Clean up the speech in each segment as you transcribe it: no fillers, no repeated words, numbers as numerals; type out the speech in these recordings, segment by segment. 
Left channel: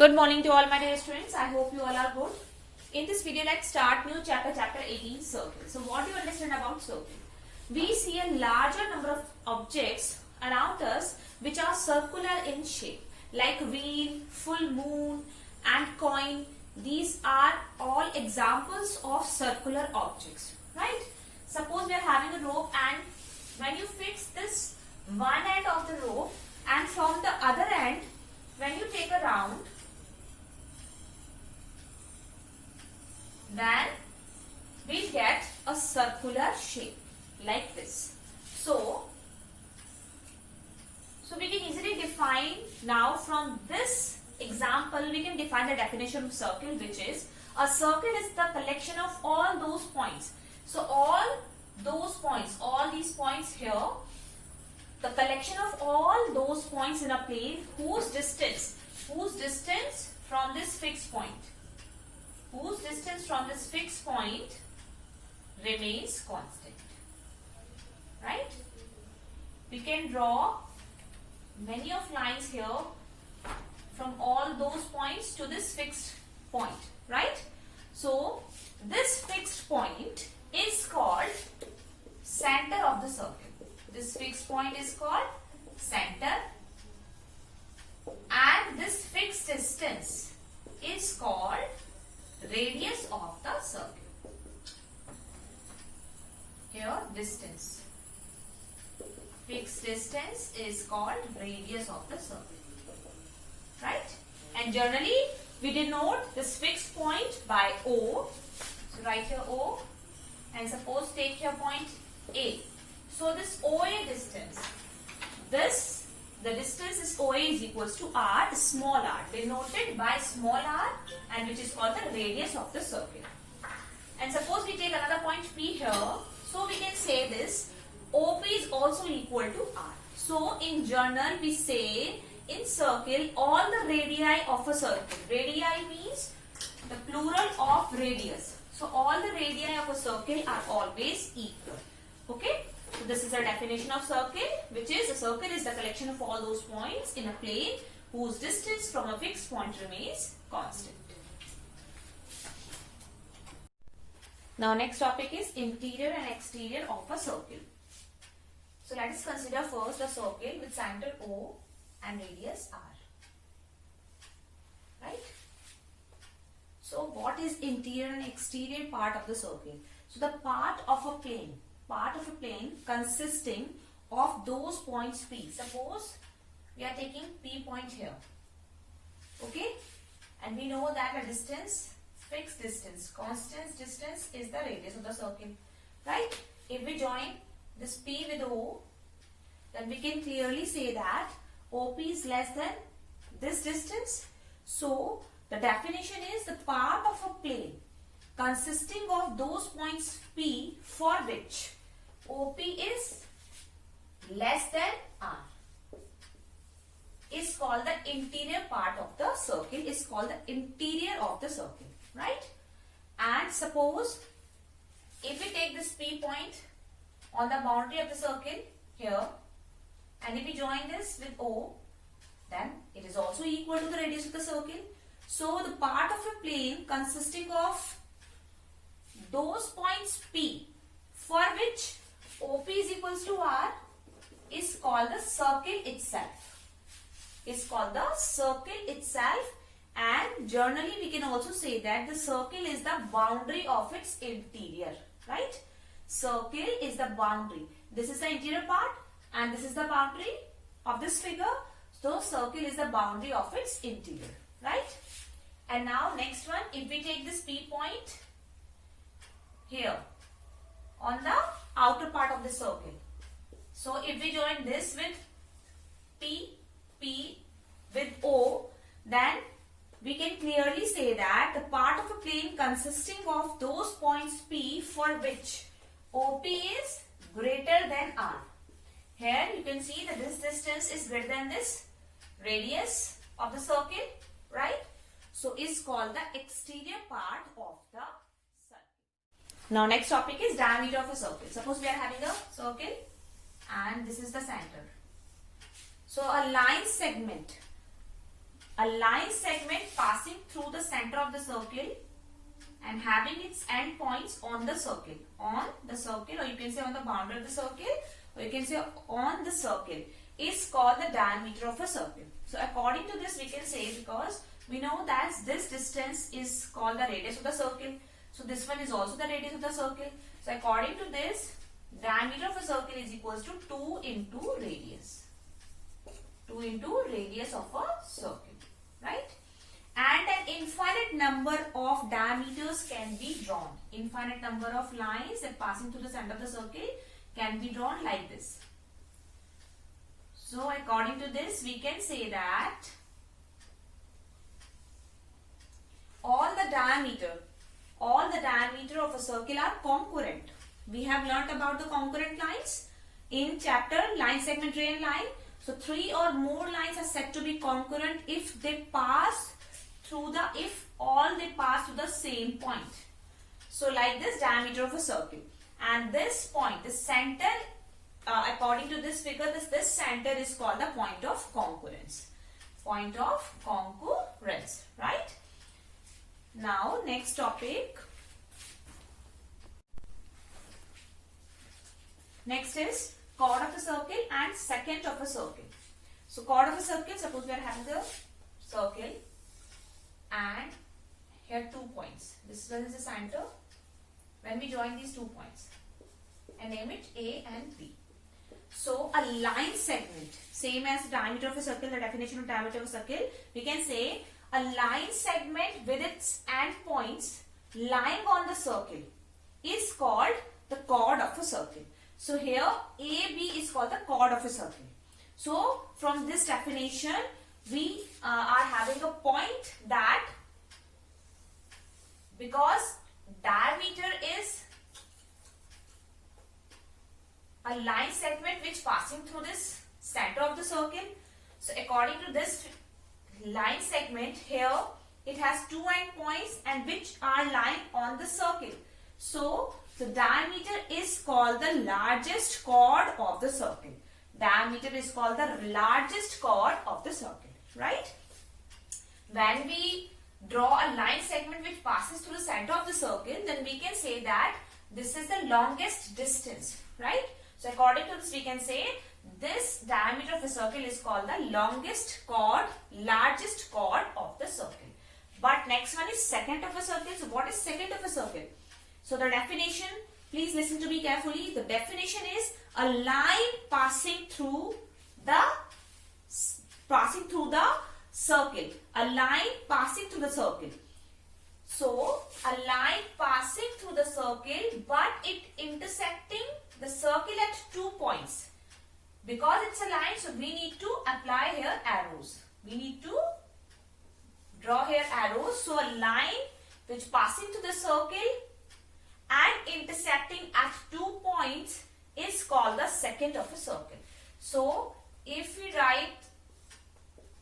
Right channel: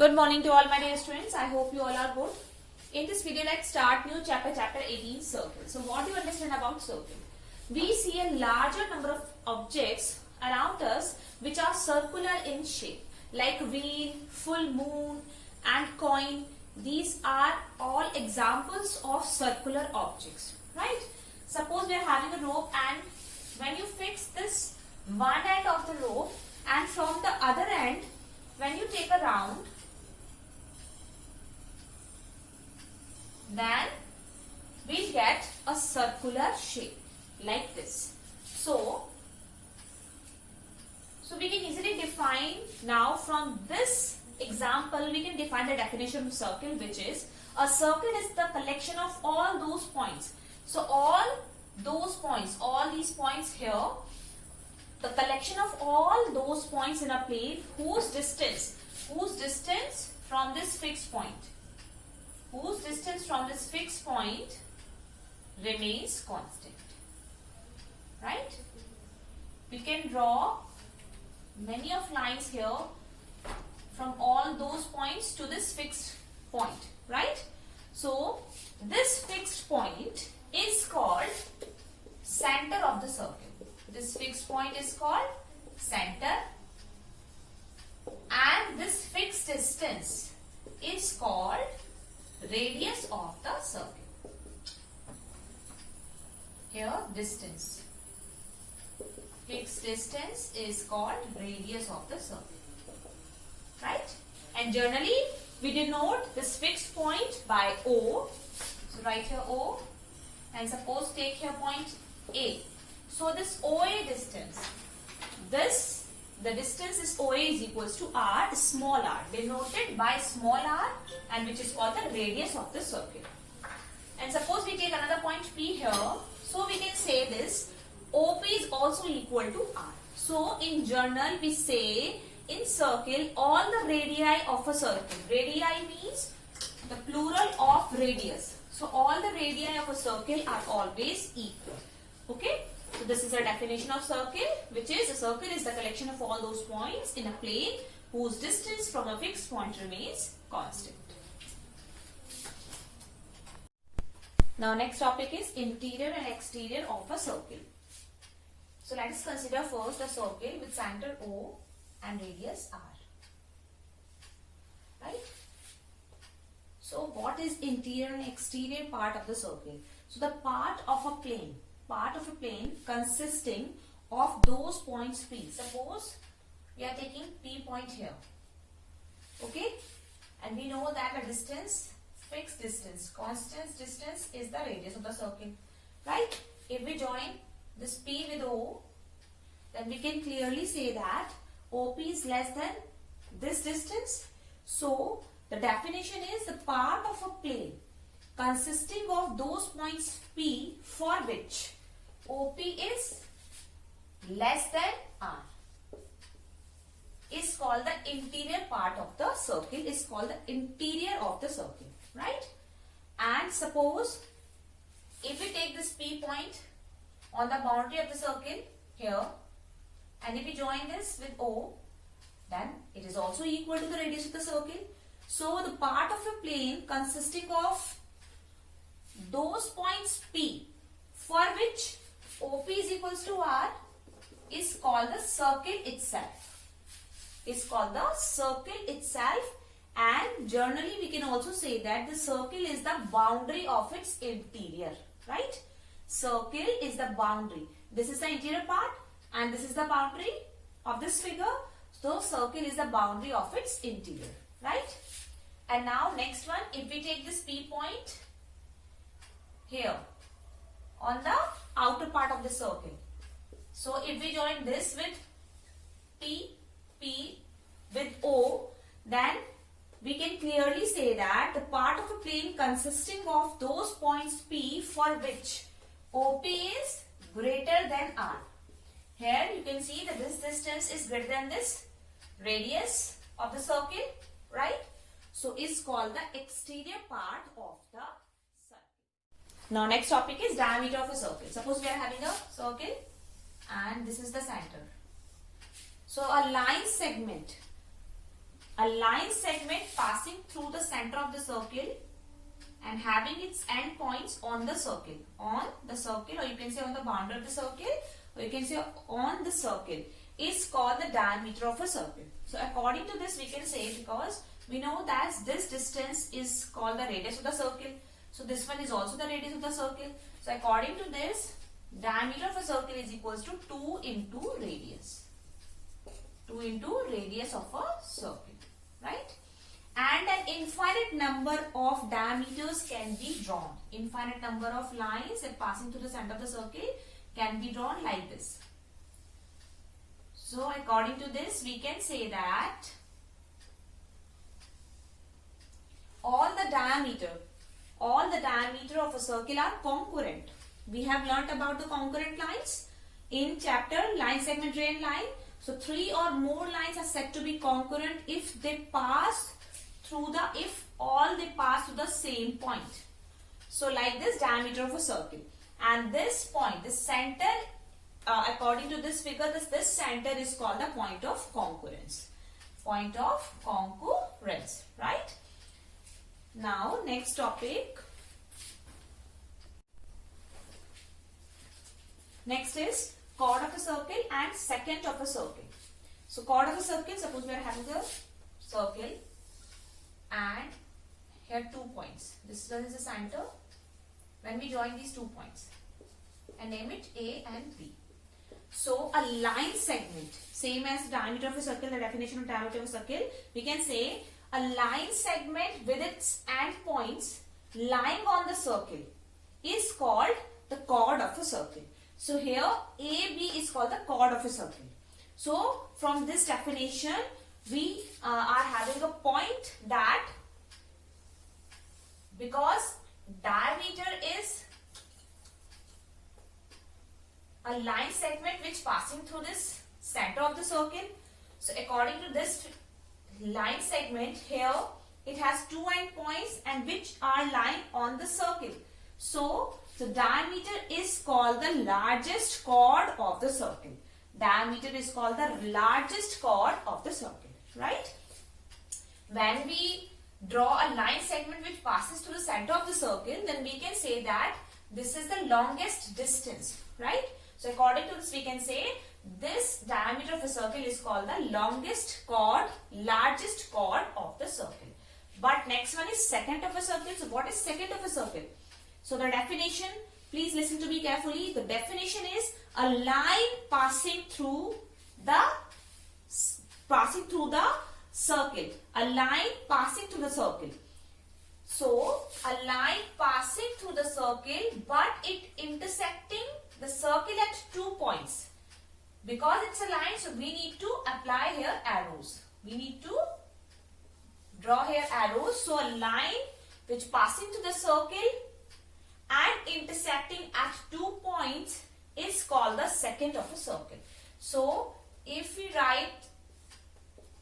Good morning to all my dear students. I hope you all are good. In this video, let's start new chapter 18, circle. So what do you understand about circle? We see a larger number of objects around us which are circular in shape, like wheel, full moon and coin. These are all examples of circular objects, right? Suppose we are having a rope, and when you fix this one end of the rope, and from the other end, when you take a round, then we get a circular shape like this. So we can easily define now from this example, we can define the definition of circle, which is a circle is the collection of all those points. So all those points, all these points here, the collection of all those points in a plane whose distance from this fixed point, remains constant, right? We can draw many of lines here from all those points to this fixed point, right? So this fixed point is called center of the circle. This fixed point is called center, and this fixed distance is called radius of the circle. Here distance, fixed distance is called radius of the circle, right? And generally we denote this fixed point by O. So write here O, and suppose take here point A. So this OA distance, the distance is OA is equals to R, small r, denoted by small r, and which is called the radius of the circle. And suppose we take another point P here, so we can say this OP is also equal to R. So in general we say in circle all the radii of a circle. Radii means the plural of radius. So all the radii of a circle are always equal. Okay. So this is a definition of circle, which is a circle is the collection of all those points in a plane whose distance from a fixed point remains constant. Now next topic is interior and exterior of a circle. So let us consider first a circle with center O and radius R. Right? So what is interior and exterior part of the circle? So the part of a plane consisting of those points P. Suppose we are taking P point here. Okay? And we know that a distance, fixed distance, constant distance is the radius of the circle. Right? If we join this P with O, then we can clearly say that OP is less than this distance. So the definition is the part of a plane consisting of those points P for which OP is less than R is called the interior part of the circle, is called the interior of the circle, right? And suppose if we take this P point on the boundary of the circle here, and if we join this with O, then it is also equal to the radius of the circle. So the part of a plane consisting of those points P for which OP is equals to R is called the circle itself. Is called the circle itself, and generally we can also say that the circle is the boundary of its interior, right? Circle is the boundary. This is the interior part and this is the boundary of this figure. So circle is the boundary of its interior, right? And now next one, if we take this P point here on the outer part of the circle. So if we join this with P with O, then we can clearly say that the part of a plane consisting of those points P for which OP is greater than R. Here you can see that this distance is greater than this radius of the circle, right? So is called the exterior part of the circle. Now next topic is diameter of a circle. Suppose we are having a circle and this is the center. So a line segment a line segment passing through the center of the circle and having its end points on the circle, or you can say on the boundary of the circle, or you can say on the circle, is called the diameter of a circle. So according to this, we can say, because we know that this distance is called the radius of the circle, so this one is also the radius of the circle. So according to this, diameter of a circle is equals to 2 into radius. 2 into radius of a circle, right? And an infinite number of diameters can be drawn. Infinite number of lines that passing through the center of the circle can be drawn like this. So according to this, we can say that all the diameter of a circle are concurrent. We have learnt about the concurrent lines in chapter line, segment, ray and line. So 3 or more lines are said to be concurrent if all they pass through the same point. So like this diameter of a circle, and this point, this center, according to this figure, this center is called the point of concurrence. Point of concurrence, right? Now next topic. Next is chord of a circle and secant of a circle. So chord of a circle, suppose we are having a circle and here 2 points. This one is the center. When we join these 2 points and name it A and B. So a line segment, same as diameter of a circle, the definition of diameter of a circle, we can say a line segment with its end points lying on the circle is called the chord of a circle. So here AB is called the chord of a circle. So from this definition, we are having a point that because diameter is a line segment which passing through this center of the circle. So according to this line segment here, it has 2 end points and which are lying on the circle. So the diameter is called the largest chord of the circle. Diameter is called the largest chord of the circle, right? When we draw a line segment which passes through the center of the circle, then we can say that this is the longest distance, right? So according to this, we can say this diameter of a circle is called the longest chord, largest chord of the circle. But next one is secant of a circle. So what is secant of a circle? So the definition, please listen to me carefully. The definition is a line passing through the circle. A line passing through the circle. So a line passing through the circle, but it intersecting the circle at 2 points. Because it's a line, so we need to apply here arrows. We need to draw here arrows. So a line which passing through the circle and intersecting at 2 points is called the secant of a circle. So if we write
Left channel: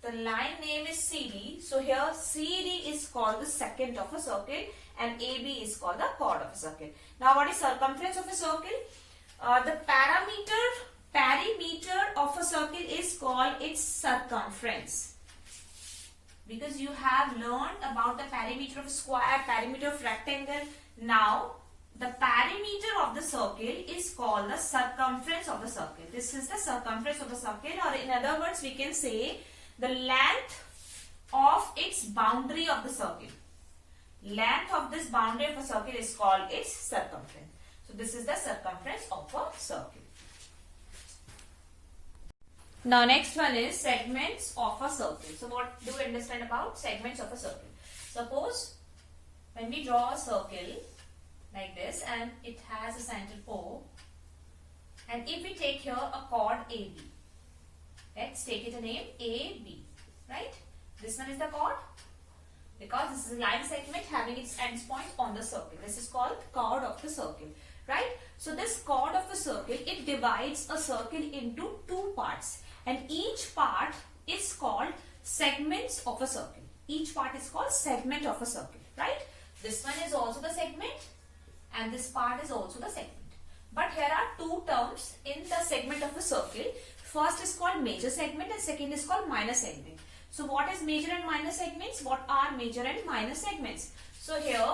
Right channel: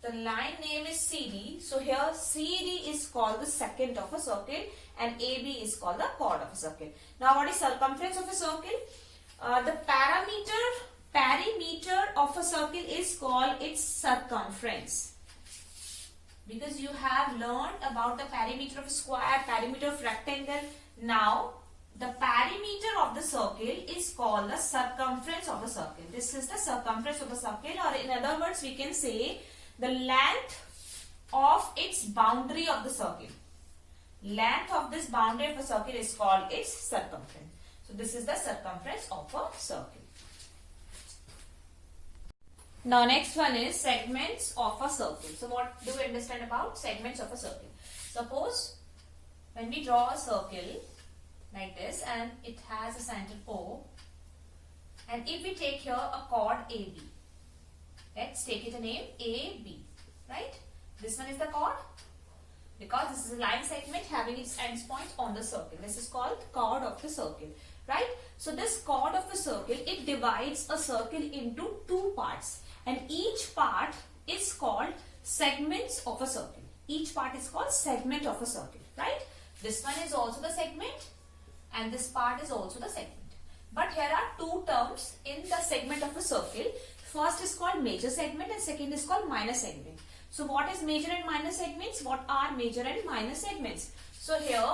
the line name is CD, so here CD is called the secant of a circle and AB is called the chord of a circle. Now what is circumference of a circle? The perimeter of a circle is called its circumference. Because you have learned about the perimeter of a square, perimeter of rectangle. Now the perimeter of the circle is called the circumference of the circle. This is the circumference of the circle, or in other words we can say the length of its boundary of the circle. Length of this boundary of a circle is called its circumference. So this is the circumference of a circle. Now next one is segments of a circle. So what do we understand about segments of a circle? Suppose when we draw a circle like this and it has a center O, and if we take here a chord AB, let's take it a name AB, right? This one is the chord because this is a line segment having its ends point on the circle. This is called chord of the circle, right? So this chord of the circle, it divides a circle into 2 parts, and each part is called segments of a circle. Each part is called segment of a circle, right? This one is also the segment and this part is also the segment. But here are 2 terms in the segment of a circle. First is called major segment and second is called minor segment. So what is major and minor segments? What are major and minor segments? So here,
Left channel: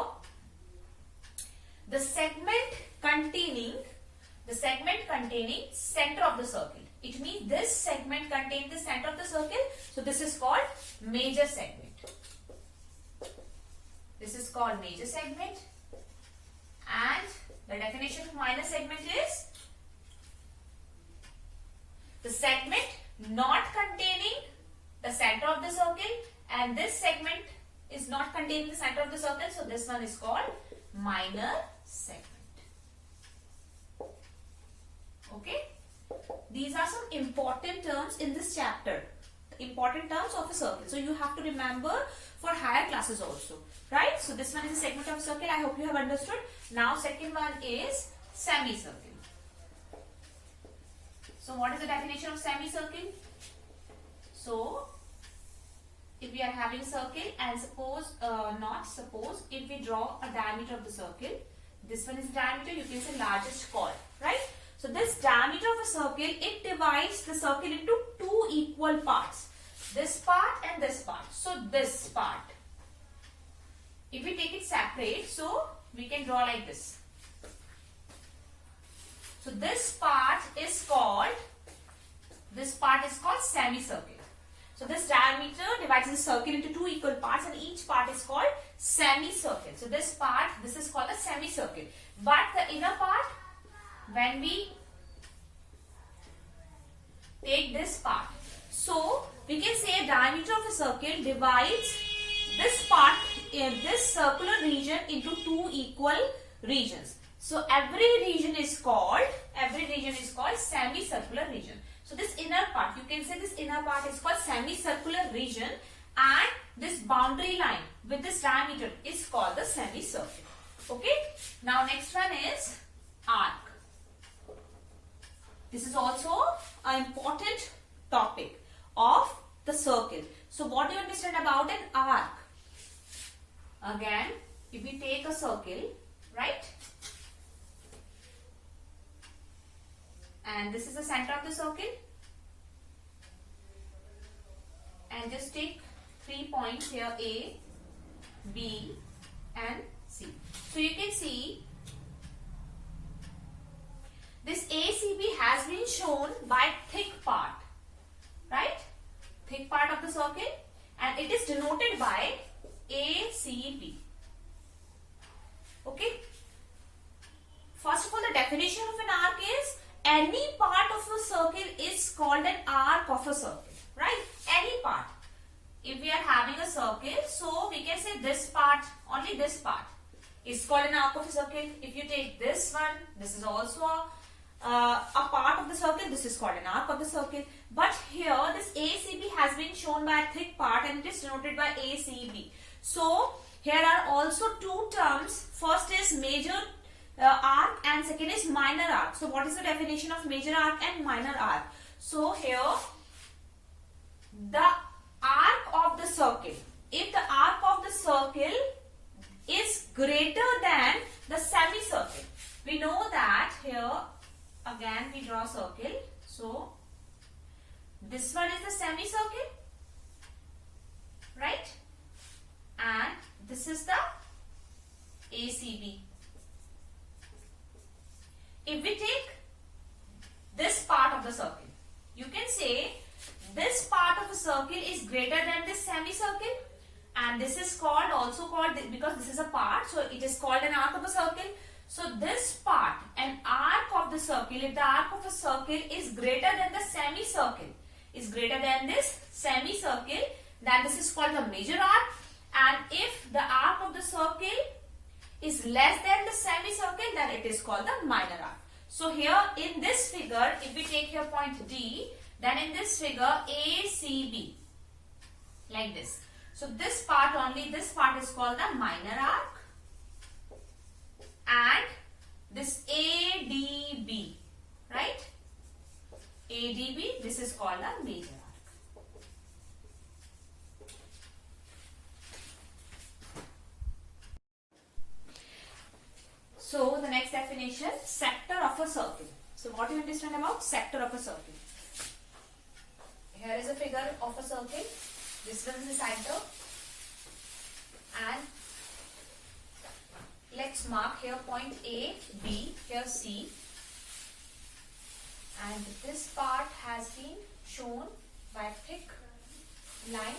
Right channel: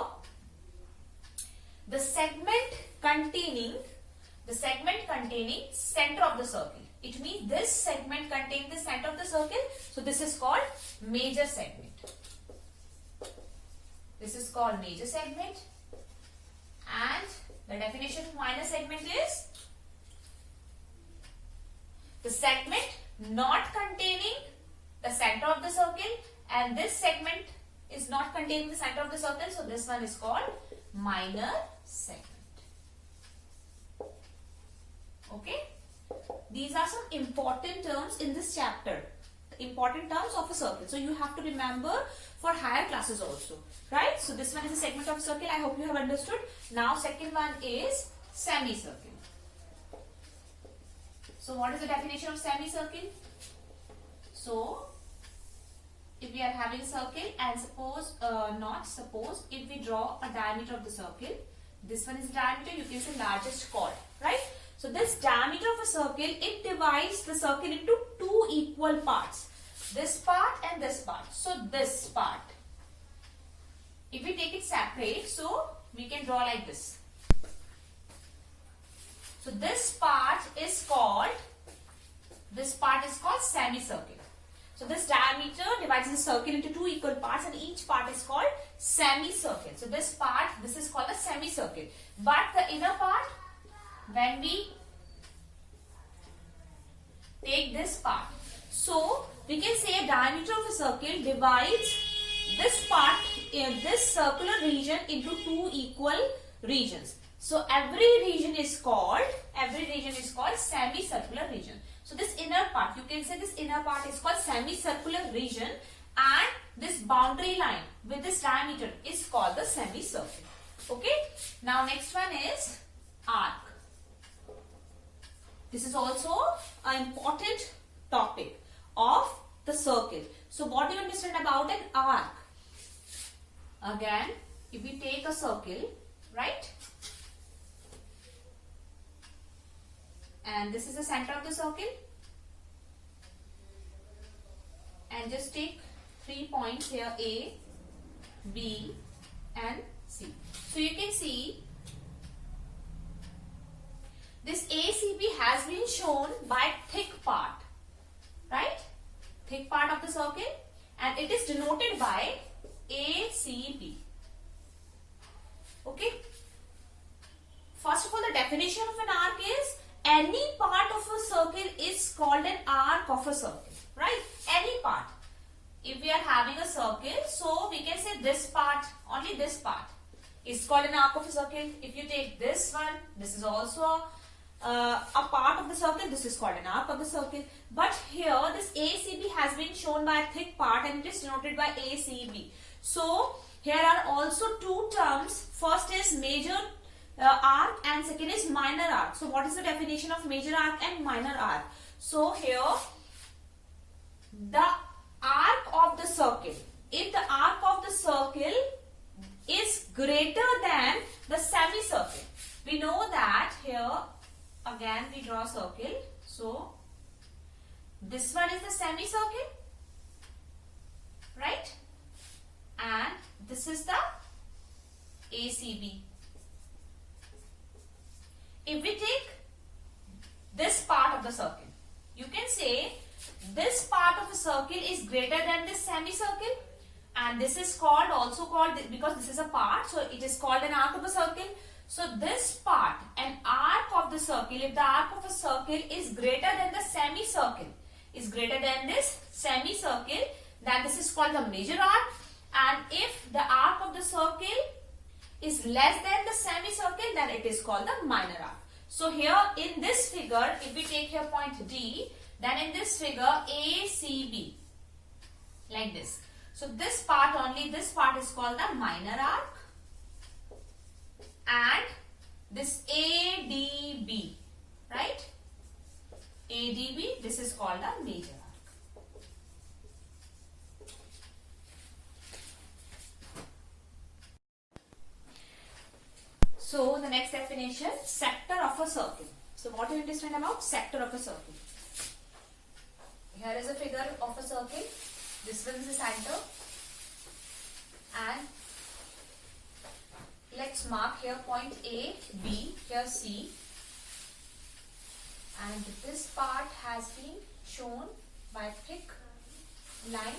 the segment containing center of the circle. It means this segment contains the center of the circle. So this is called major segment. This is called major segment. And the definition of minor segment is the segment not containing the center of the circle, and this segment is not containing the center of the circle. So this one is called minor segment. Okay. These are some important terms in this chapter. The important terms of a circle. So you have to remember for higher classes also. Right? So this one is a segment of a circle. I hope you have understood. Now second one is semicircle. So what is the definition of semicircle? So if we are having a circle and suppose if we draw a diameter of the circle, this one is the diameter, you can say largest chord, right? So this diameter of a circle, it divides the circle into two equal parts. This part and this part. So this part, if we take it separate, so we can draw like this. So this part is called semicircle. So this diameter divides the circle into two equal parts, and each part is called semicircle. So this is called a semicircle. But the inner part, when we take this part, so we can say a diameter of a circle divides this part, this circular region into two equal regions. So every region is called semicircular region. So this inner part, you can say this inner part is called semicircular region, and this boundary line with this diameter is called the semicircle. Okay. Now next one is arc. This is also an important topic of the circle. So what do you understand about an arc? Again, if we take a circle, right? And this is the center of the circle. And just take 3 points here, A, B and C. So you can see this ACB has been shown by thick part, right? Thick part of the circle, and it is denoted by ACB. Okay. First of all, the definition of an arc is any part of a circle is called an arc of a circle, right? Any part. If we are having a circle, so we can say this part, only this part is called an arc of a circle. If you take this one, this is also a part of the circle, this is called an arc of the circle. But here this ACB has been shown by a thick part, and it is denoted by ACB. So here are also two terms. First is major arc and second is minor arc. So what is the definition of major arc and minor arc? So here the arc of the circle, if the arc of the circle is greater than the semicircle, we know that here again we draw a circle. So this one is the semicircle, right? And this is the ACB. If we take this part of the circle, you can say this part of a circle is greater than this semicircle, and this is also called, because this is a part, so it is called an arc of a circle. So this part, an arc of the circle, if the arc of a circle is greater than the semicircle, then this is called the major arc. And if the arc of the circle is less than the semicircle, then it is called the minor arc. So here in this figure, if we take here point D, then in this figure ACB, like this. So this part, only this part is called the minor arc, and this ADB, right? ADB, this is called the major arc. So the next definition, sector of a circle. So what do you understand about sector of a circle? Here is a figure of a circle, This one is the center. And let's mark here point A, B, here C. And this part has been shown by thick line.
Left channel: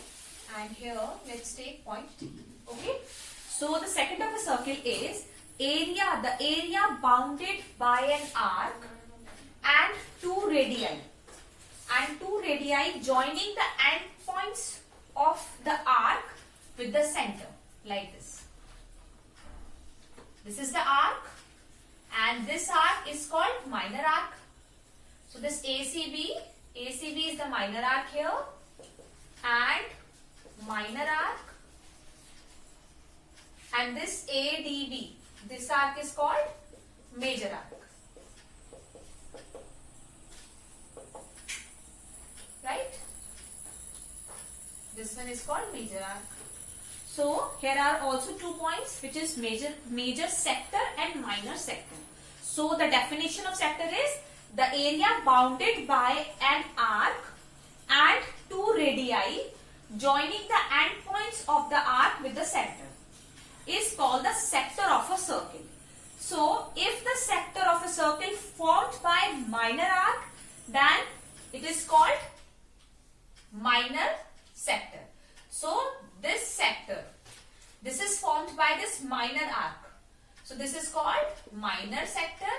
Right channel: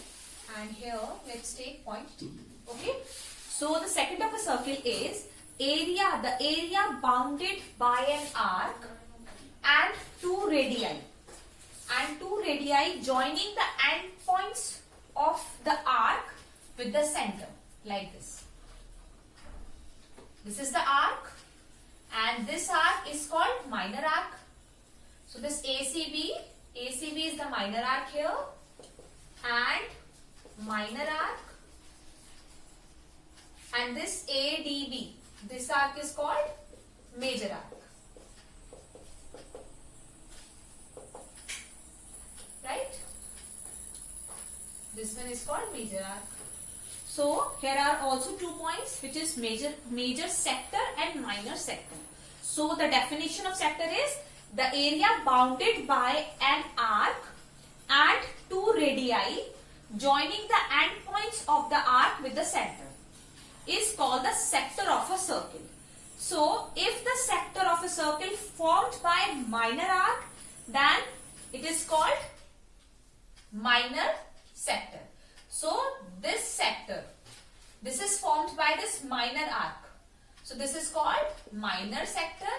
And here let's take point D. Okay. So the second of a circle is area, the area bounded by an arc and two radii. And two radii joining the endpoints of the arc with the center, like this. This is the arc, and this arc is called minor arc. So this ACB is the minor arc here, and minor arc, and this ADB, this arc is called major arc. Right? This one is called major arc. So here are also 2 points, which is major sector and minor sector. So the definition of sector is the area bounded by an arc and two radii joining the endpoints of the arc with the center is called the sector of a circle. So if the sector of a circle formed by minor arc, then it is called minor sector. So this sector, this is formed by this minor arc. So this is called minor sector.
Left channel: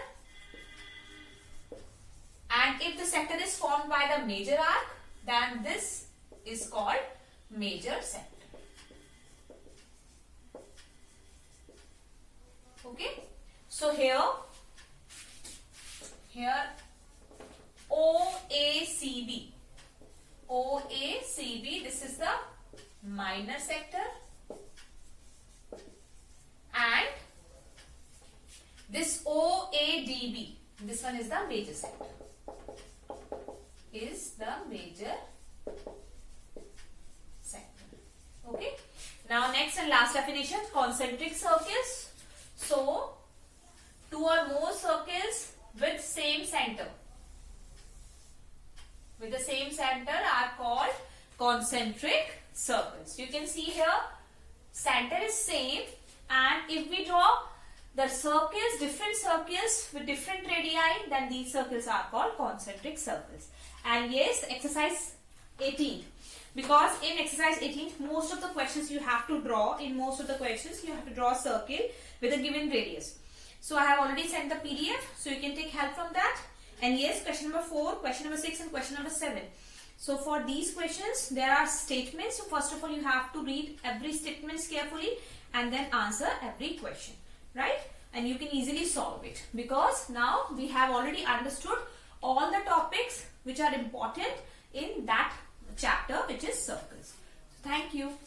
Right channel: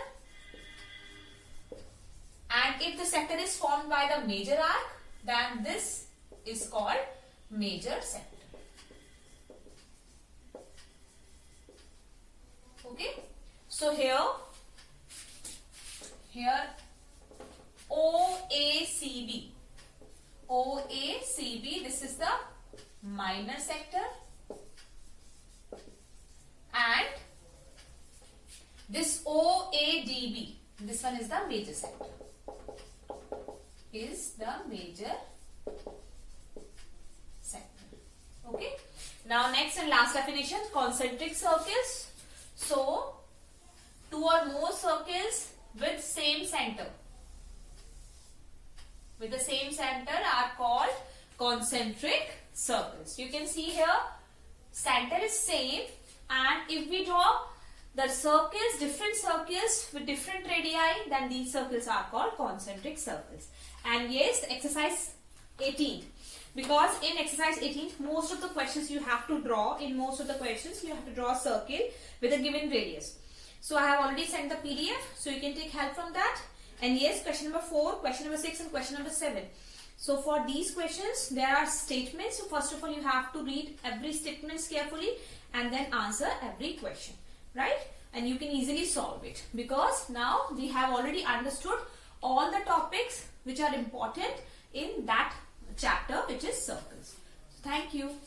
And if the sector is formed by the major arc, then this is called major sector. Okay. So here OACB, this is the minor sector, and this OADB, this one is the major sector, Okay. Now next and last definition, concentric circles. So two or more circles with same center, are called concentric circles. You can see here center is same, and if we draw the circles, different circles with different radii, then these circles are called concentric circles. And yes, exercise 18, because in exercise 18 most of the questions you have to draw, a circle with a given radius. So I have already sent the PDF, so you can take help from that. And yes, question number 4, question number 6 and question number 7. So for these questions there are statements. So first of all you have to read every statement carefully and then answer every question, right? And you can easily solve it, because now we have already understood all the topics which are important in that chapter, which is circles. So thank you.